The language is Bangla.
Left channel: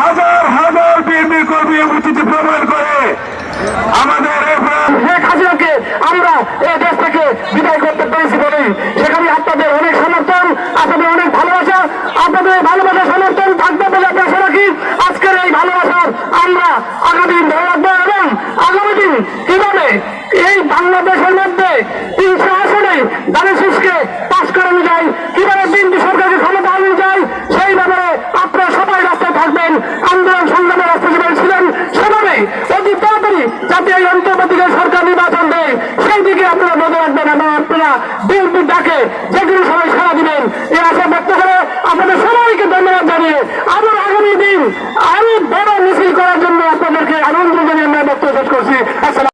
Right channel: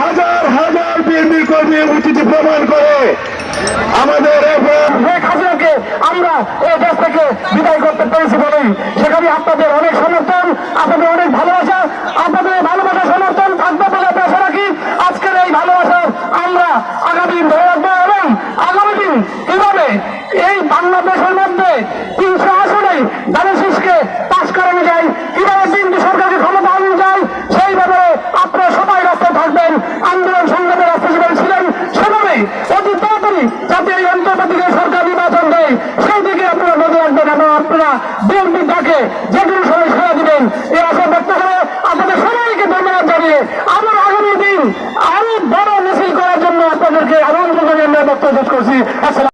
হাজার হাজার বিএনপি কর্মী উপস্থিতি প্রমাণ করে আমাদের আমরা এই দেশ থেকে বিদায় করতে পেরেছি সেখানে আপনাদের অনেক সমর্থন, আপনাদের অনেক ভালোবাসা, আপনাদের এই সমর্থন থাকবে বলে আমরা আশা রাখি। আজকের এই ভালোবাসা আমরা আগামী দিন ধরে রাখব এবং আগামী দিন কীভাবে এই বাংলাদেশের মধ্যে তিনশো আসনে দানেশিসকে সেই দিকে আপনারা নজর রাখবেন এবং আপনারা বিএনপির ডাকে যেগুলো সবাই সারা দিবেন। এই আশা ব্যক্ত করে আপনাদের সবাইকে ধন্যবাদ জানিয়ে আবার আগামী দিন আরও বড় মিছিল করার জন্য আপনাদেরকে আমন্ত্রণ জানিয়ে আমরা বক্তব্য করছি। আসসালাম